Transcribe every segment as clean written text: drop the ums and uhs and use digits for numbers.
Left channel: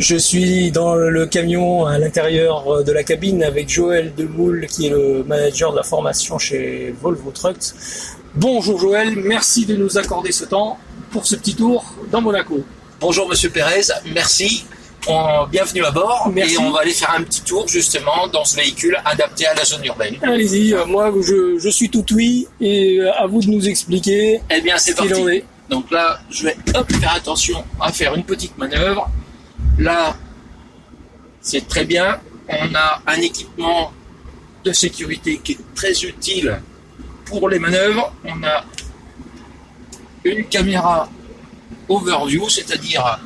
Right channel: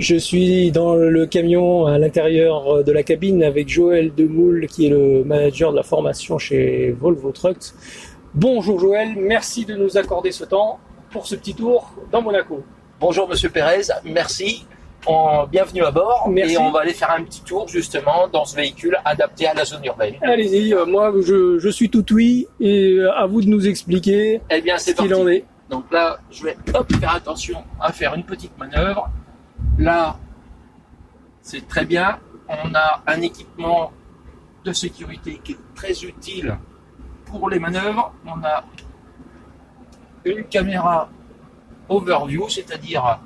Je suis dans le camion à l'intérieur de la cabine avec Joël Demoule qui est le manager de la formation chez Volvo Trucks. Bonjour Joël, merci de nous accorder ce temps pour ce petit tour dans Monaco. Bonjour Monsieur Pérez, merci. Bienvenue à bord. Merci. Et on va aller faire un petit tour justement dans ce véhicule adapté à la zone urbaine. Allez-y, moi je suis tout oui et à vous de nous expliquer Eh bien c'est ce qu'il parti. en est. Donc là je vais faire attention à faire une petite manœuvre. Là c'est très bien. On a un équipement de sécurité qui est très utile pour les manœuvres. On a une caméra overview, c'est-à-dire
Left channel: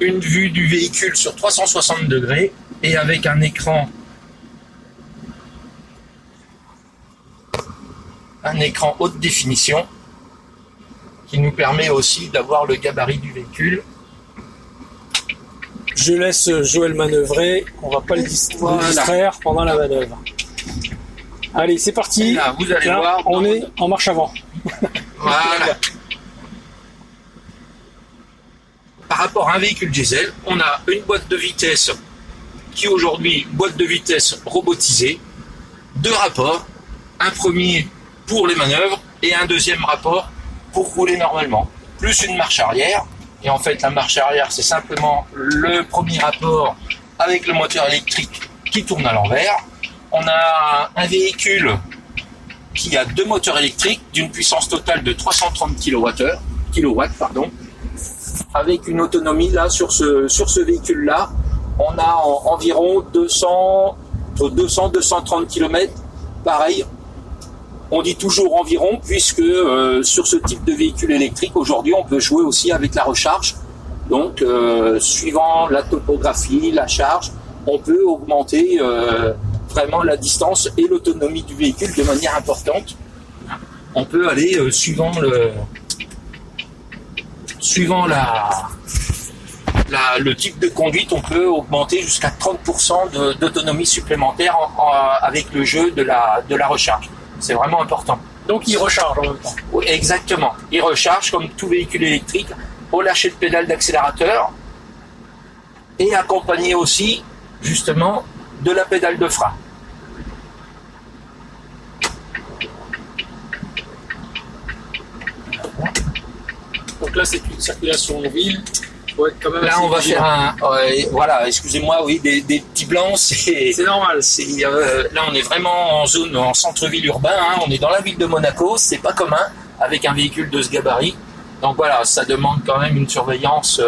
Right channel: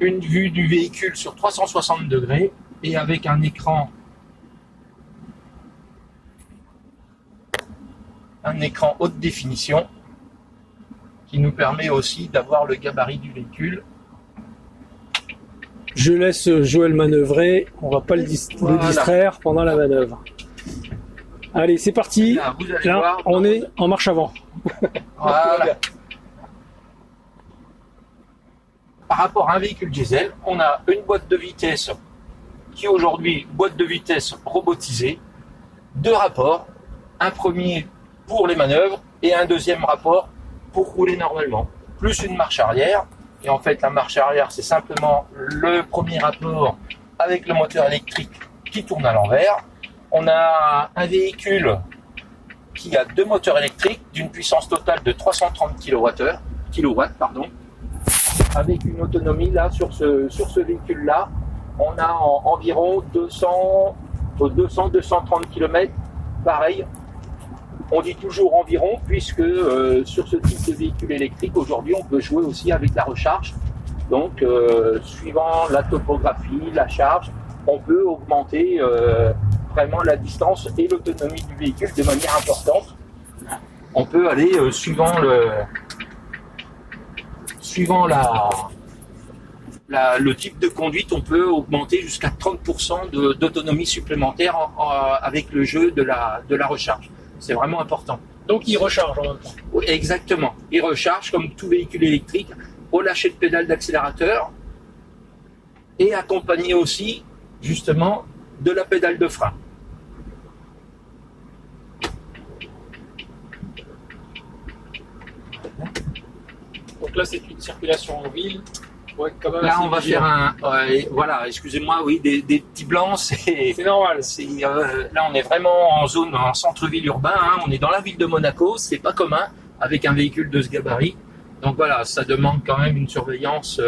une vue du véhicule sur 360 degrés et avec un écran haute définition qui nous permet aussi d'avoir le gabarit du véhicule. Je laisse Joël manœuvrer, on va pas le distraire pendant la manœuvre. Allez, c'est parti. Là, vous allez Là, voir, on est en marche avant. Voilà. Par rapport à un véhicule diesel, on a une boîte de vitesse qui aujourd'hui, boîte de vitesse robotisée, deux rapports, un premier pour les manœuvres et un deuxième rapport pour rouler normalement, plus une marche arrière. Et en fait, la marche arrière, c'est simplement le premier rapport avec le moteur électrique qui tourne à l'envers. On a un véhicule qui a deux moteurs électriques d'une puissance totale de 330 kW, avec une autonomie là sur ce véhicule-là, on a environ 230 km. Pareil, on dit toujours environ puisque sur ce type de véhicule électrique aujourd'hui, on peut jouer aussi avec la recharge. Donc, suivant la topographie, la charge, on peut augmenter vraiment la distance et l'autonomie du véhicule de manière importante. On peut aller suivant le type de conduite, on peut augmenter jusqu'à 30% d'autonomie supplémentaire avec le jeu de la recharge. C'est vraiment important. Donc il recharge en même temps. Oui, exactement. Il recharge comme tout véhicule électrique au lâcher de pédale d'accélérateur et accompagné aussi justement de la pédale de frein. Donc là c'est une circulation en ville. Ouais, quand même là on va vigilant. faire voilà, excusez-moi, oui, des petits blancs, c'est normal. Là on est vraiment en centre-ville urbain, hein, on est dans la ville de Monaco, c'est pas commun avec un véhicule de ce gabarit. Donc voilà, ça demande quand même une surveillance.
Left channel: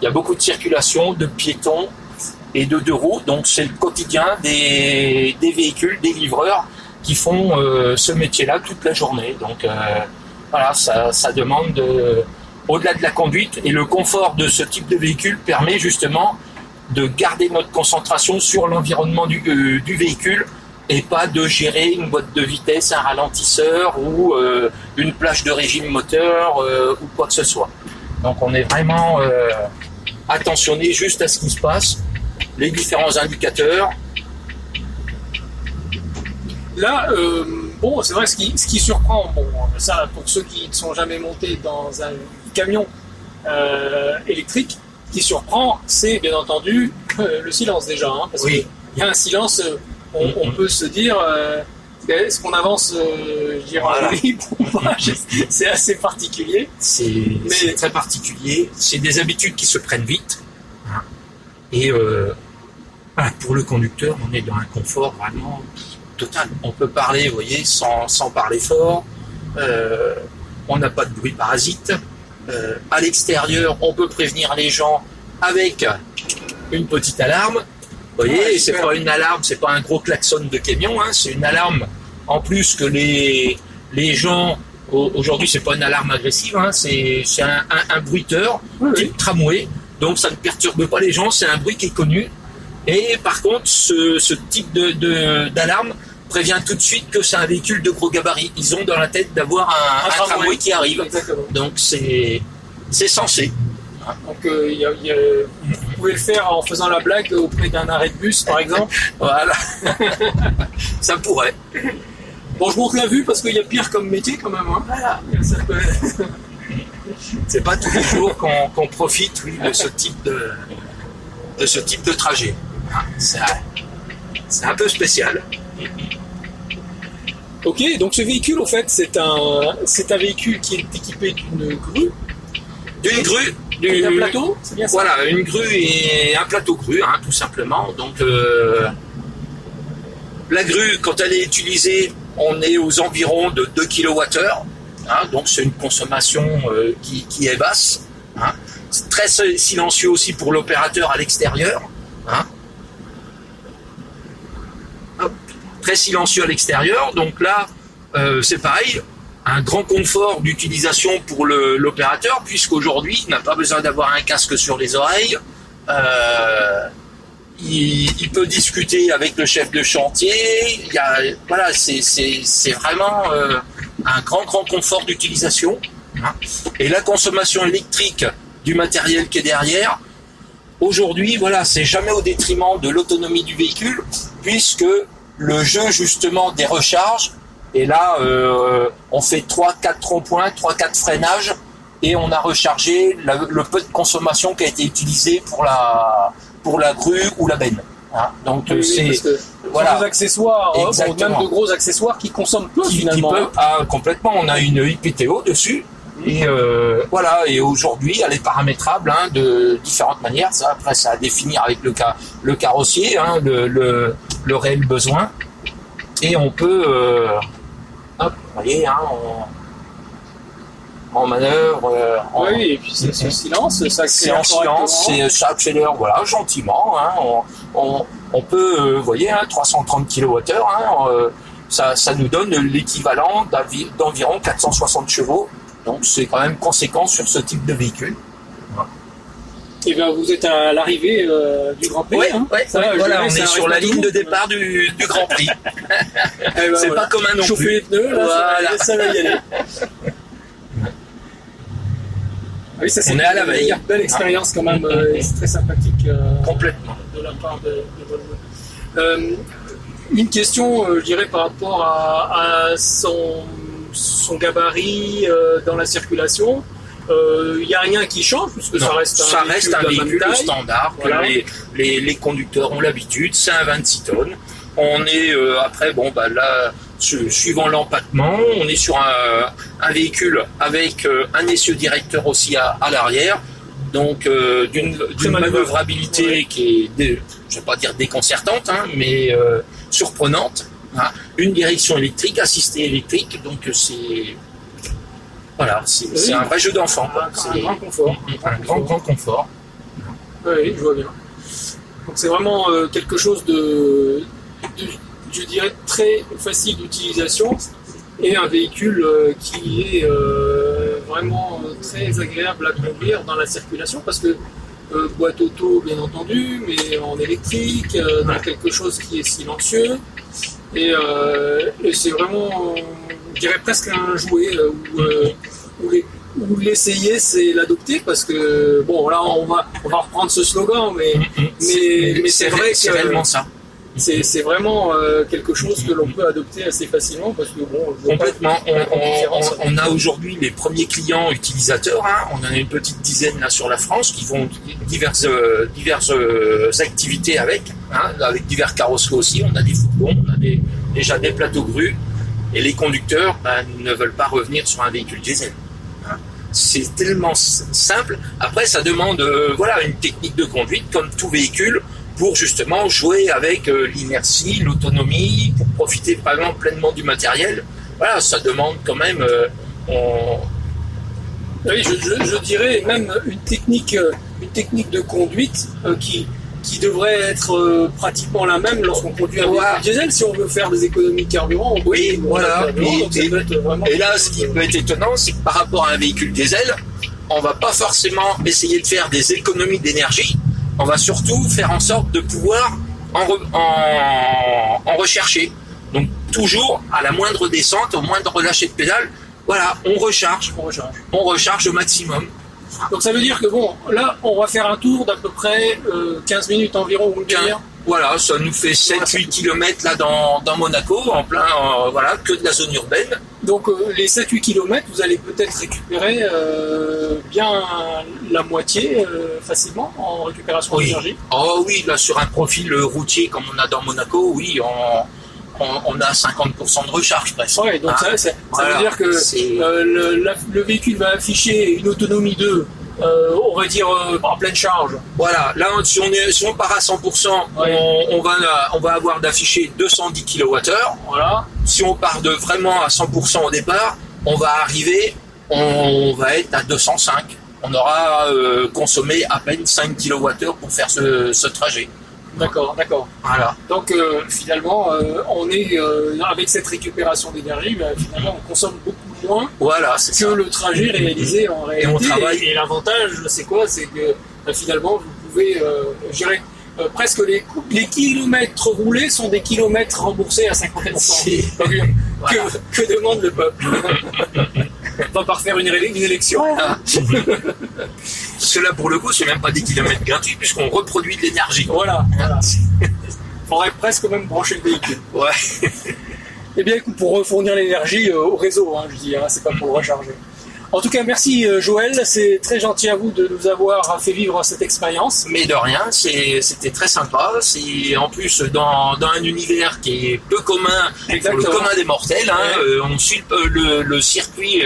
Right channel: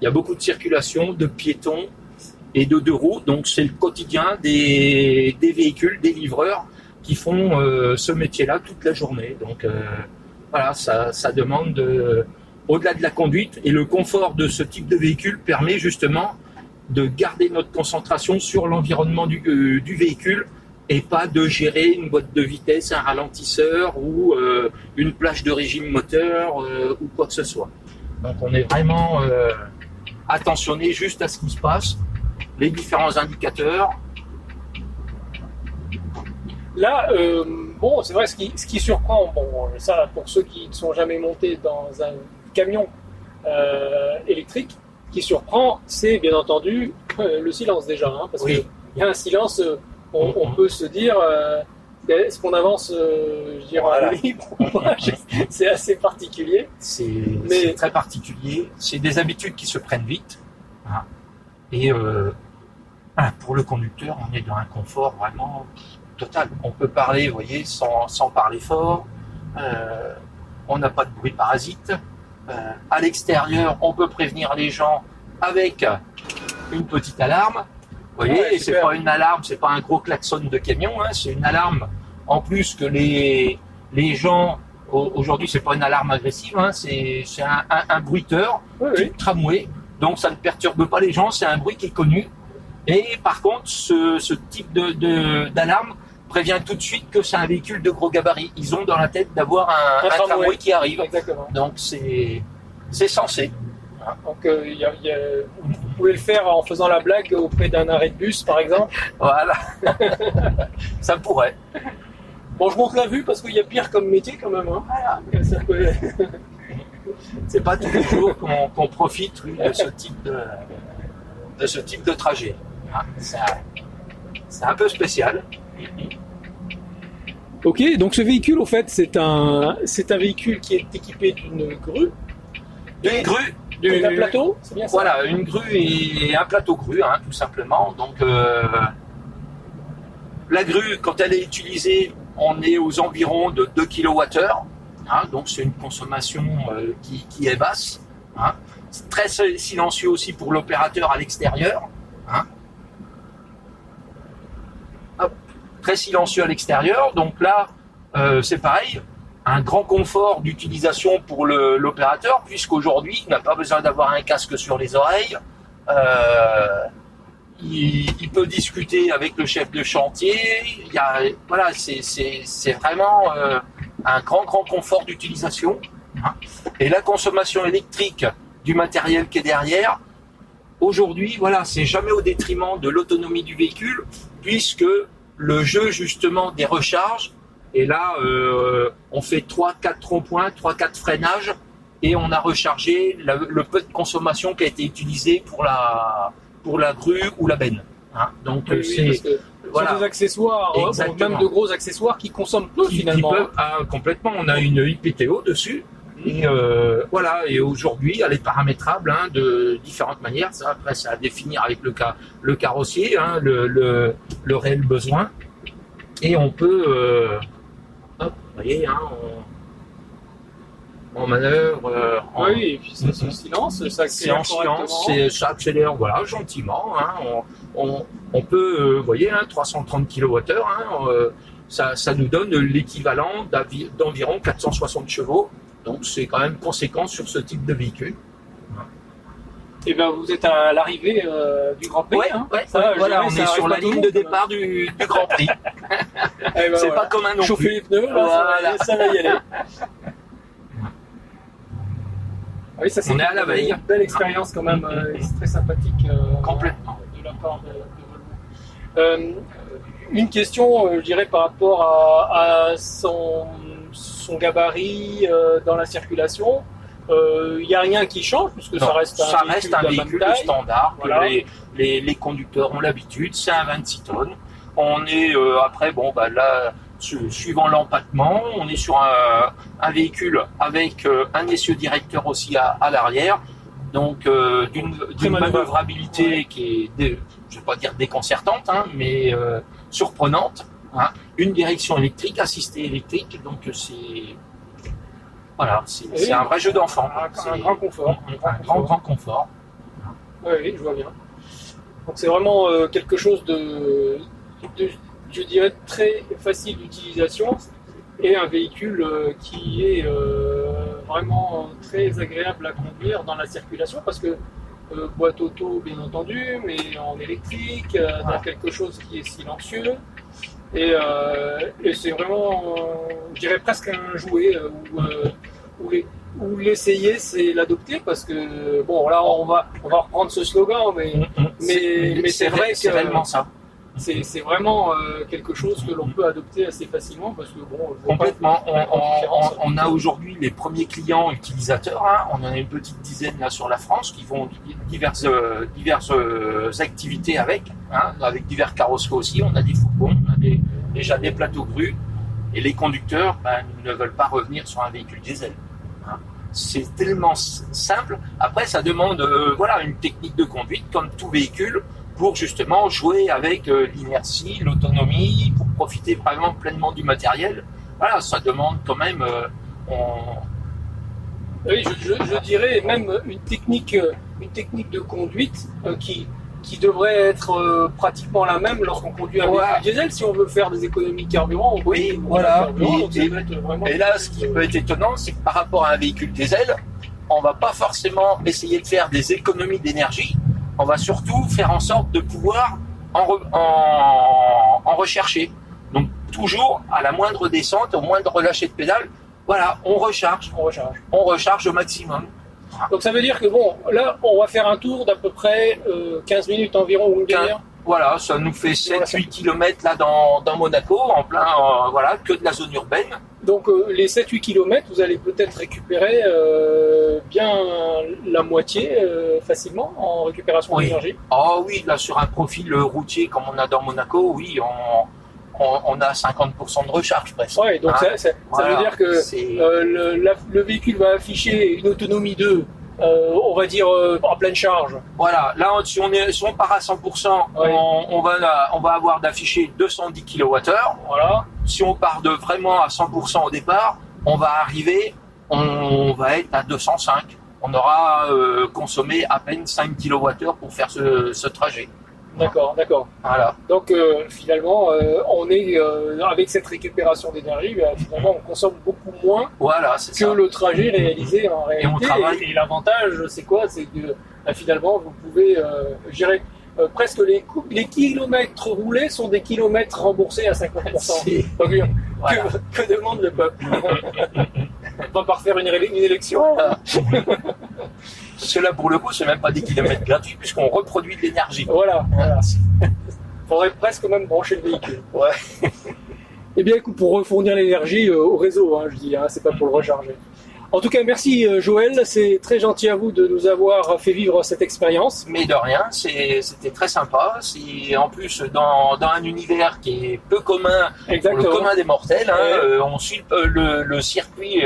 Il y a beaucoup de circulation, de piétons et de deux roues, donc c'est le quotidien des véhicules, des livreurs qui font ce métier-là toute la journée. Donc voilà, ça demande au-delà de la conduite, et le confort de ce type de véhicule permet justement de garder notre concentration sur l'environnement du véhicule et pas de gérer une boîte de vitesse, un ralentisseur ou une plage de régime moteur ou quoi que ce soit. Donc on est vraiment attentionné juste à ce qui se passe, les différents indicateurs. Là, bon, c'est vrai, ce qui surprend, bon, ça pour ceux qui ne sont jamais montés dans un camion électrique, qui surprend, c'est bien entendu le silence déjà, hein, parce Oui. qu'il y a un silence, on peut se dire, est-ce qu'on avance, je dirais, Voilà. en libre ou pas? C'est assez particulier. C'est très particulier, c'est des habitudes qui se prennent vite, hein. Et pour le conducteur, on est dans un confort vraiment total. On peut parler, vous voyez, sans parler fort, on n'a pas de bruit parasite. À l'extérieur, on peut prévenir les gens avec une petite alarme. Vous voyez, Ouais, c'est super. pas une alarme, c'est pas un gros klaxon de camion, hein, c'est une alarme en plus que les gens aujourd'hui, c'est pas une alarme agressive, hein, c'est un bruiteur Oui, oui. type tramway, donc ça ne perturbe pas les gens, c'est un bruit qui est connu. Et par contre, ce type d'alarme prévient tout de suite que c'est un véhicule de gros gabarit. Ils ont dans la tête d'avoir un tramway qui arrive. Exactement. Donc c'est censé. Donc vous pouvez le faire en faisant la blague auprès d'un arrêt de bus, par exemple. Voilà. Ça pourrait. Bon, je monte la vue parce qu'il y a pire comme métier quand même. Hein. Voilà. Ça peut... C'est pas tous les jours qu'on profite, oui, de ce type de ce type de trajet. Hein, c'est un peu spécial. Ok, donc ce véhicule, en fait, c'est un véhicule qui est équipé d'une grue. D'une grue, Et d'un plateau, c'est bien ça? voilà, une grue et un plateau grue, hein, tout simplement. Donc la grue, quand elle est utilisée, on est aux environs de 2 kWh. Hein, donc c'est une consommation qui est basse. Hein. C'est très silencieux aussi pour l'opérateur à l'extérieur. Hein. Très silencieux à l'extérieur. Donc là, c'est pareil. Un grand confort d'utilisation pour l'opérateur, puisqu'aujourd'hui, il n'a pas besoin d'avoir un casque sur les oreilles. Il peut discuter avec le chef de chantier. Voilà, c'est vraiment un grand confort d'utilisation. Hein. Et la consommation électrique du matériel qui est derrière, aujourd'hui, voilà, c'est jamais au détriment de l'autonomie du véhicule, puisque le jeu justement des recharges, et là, on fait 3-4 ronds-points, 3-4 freinages, et on a rechargé le peu de consommation qui a été utilisé pour la grue ou la benne. Hein. Donc c'est voilà. Des accessoires, même de gros accessoires qui consomment peu finalement. Complètement. On a une IPTO dessus. Et voilà. Et aujourd'hui, elle est paramétrable hein, de différentes manières. Ça, après, ça à définir avec le carrossier, hein, le réel besoin. Et on peut, hop, vous voyez, hein, en manœuvre. Oui, et puis c'est ce silence, ça accélère. C'est en silence, ça accélère, voilà, gentiment. Hein, on peut, vous voyez, hein, 330 kWh, hein, ça nous donne l'équivalent d'environ 460 chevaux. Donc c'est quand même conséquent sur ce type de véhicule. Et bien vous êtes à l'arrivée du Grand Prix. Oui, hein. Voilà, on est sur la ligne de départ du Grand Prix. Ben, c'est pas commun non chauffer plus. Les pneus, là, voilà. ça va y aller. Ah oui, ça, on est à la veille. Une belle expérience quand même, c'est très sympathique. Complètement. De la part de Volvo. Une question, je dirais, par rapport à son gabarit dans la circulation. Il n'y a rien qui change puisque ça reste un véhicule standard voilà. que les conducteurs ont l'habitude. C'est un 26 tonnes. On est après là suivant l'empattement, on est sur un véhicule avec un essieu directeur aussi à l'arrière. Donc d'une manœuvrabilité qui est, je vais pas dire déconcertante, hein, mais surprenante. Hein. Une direction électrique, assistée électrique, donc c'est voilà, c'est un vrai jeu d'enfant. Un grand confort. Un grand confort. Oui, je vois bien. Donc c'est vraiment quelque chose de, je dirais, très facile d'utilisation et un véhicule qui est vraiment très agréable à conduire dans la circulation parce que boîte auto bien entendu, mais en électrique, dans quelque chose qui est silencieux et c'est vraiment, je dirais presque un jouet où l'essayer c'est l'adopter parce que bon là on va reprendre ce slogan mais c'est vrai que c'est réellement ça. C'est vraiment quelque chose que l'on peut adopter assez facilement parce que bon complètement on a aujourd'hui les premiers clients utilisateurs, hein, on en a une petite dizaine là sur la France qui font diverses activités avec divers carrosseries aussi, on a des fourgons, on a déjà des plateaux grues et les conducteurs ne veulent pas revenir sur un véhicule diesel. C'est tellement simple. Après, ça demande une technique de conduite comme tout véhicule pour justement jouer avec l'inertie, l'autonomie, pour profiter vraiment pleinement du matériel. Voilà, ça demande quand même. Oui, je dirais même une technique de conduite qui devrait être pratiquement la même lorsqu'on conduit un véhicule diesel. Si on veut faire des économies de carburant, et là, ce qui peut être étonnant, c'est que par rapport à un véhicule diesel, on va pas forcément essayer de faire des économies d'énergie. On va surtout faire en sorte de pouvoir en rechercher. Donc toujours à la moindre descente, au moindre relâcher de pédale, voilà, on recharge au maximum. Donc ça veut dire que bon, là, on va faire un tour d'à peu près 15 minutes environ ou une demi-heure. Voilà, ça nous fait 7-8 km là dans Monaco, en plein, voilà, que de la zone urbaine. Donc les 7-8 km, vous allez peut-être récupérer bien la moitié facilement en récupération d'énergie. Oh oui, là sur un profil routier comme on a dans Monaco, oui, on a 50% de recharge presque. Ouais, donc ça veut dire que le véhicule va afficher une autonomie de, on va dire, en pleine charge. Voilà, là si on part à 100%, on va avoir d'afficher 210 kWh. Voilà. Si on part de vraiment à 100% au départ, on va être à 205. On aura consommé à peine 5 kWh pour faire ce trajet. D'accord. Voilà. Donc finalement, on est avec cette récupération d'énergie, finalement on consomme beaucoup moins que le trajet réalisé en réalité. Et l'avantage, c'est quoi? C'est que finalement vous pouvez gérer presque les kilomètres roulés sont des kilomètres remboursés à 50%. Voilà. Que demande le peuple? On va pas refaire une élection. Parce que là, pour le coup, c'est même pas des kilomètres gratuits puisqu'on reproduit de l'énergie. Voilà. Faudrait presque même brancher le véhicule. Ouais. Eh bien, écoute, pour fournir l'énergie au réseau, je dis, c'est pas pour le recharger. En tout cas, merci Joël, c'est très gentil à vous de nous avoir fait vivre cette expérience. Mais de rien, c'était très sympa. C'est en plus dans un univers qui est peu commun pour le commun des mortels. On suit le circuit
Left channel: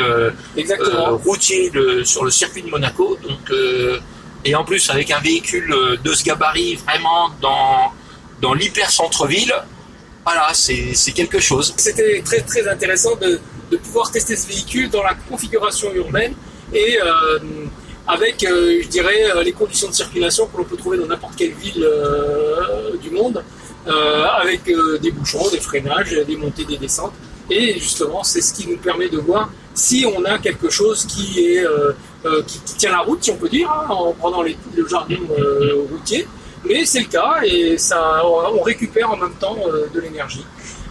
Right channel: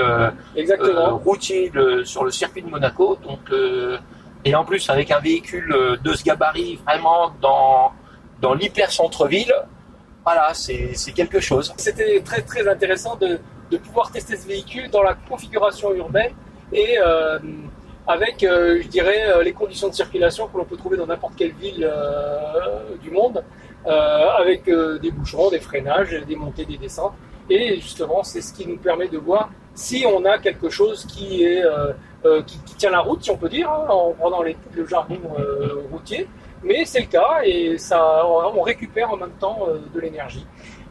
routier sur le circuit de Monaco. Donc, et en plus avec un véhicule de ce gabarit vraiment dans l'hyper centre-ville. Voilà, c'est quelque chose. C'était très très intéressant de pouvoir tester ce véhicule dans la configuration urbaine et avec, je dirais, les conditions de circulation que l'on peut trouver dans n'importe quelle ville du monde, avec des bouchons, des freinages, des montées, des descentes. Et justement, c'est ce qui nous permet de voir si on a quelque chose qui tient la route, si on peut dire, en prenant le jargon routier. Mais c'est le cas et on récupère en même temps de l'énergie.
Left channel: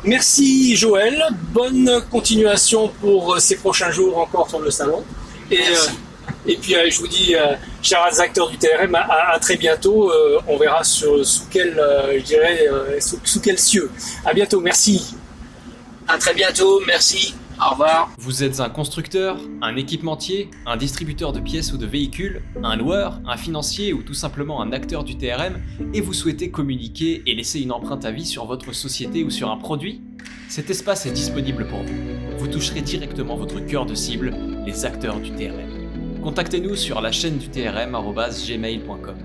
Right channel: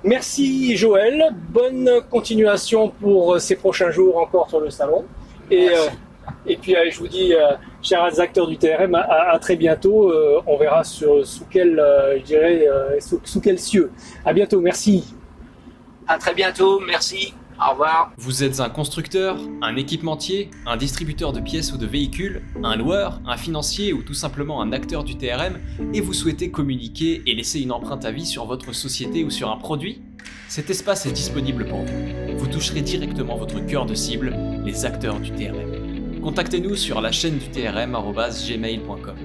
Merci Joël, bonne continuation pour ces prochains jours encore sur le salon. Et puis je vous dis, chers acteurs du TRM, à très bientôt. On verra sous quel cieux. À bientôt, merci. À très bientôt, merci. Au revoir. Vous êtes un constructeur, un équipementier, un distributeur de pièces ou de véhicules, un loueur, un financier ou tout simplement un acteur du TRM et vous souhaitez communiquer et laisser une empreinte à vie sur votre société ou sur un produit? Cet espace est disponible pour vous. Vous toucherez directement votre cœur de cible, les acteurs du TRM. Contactez-nous sur la chaîne du TRM@gmail.com.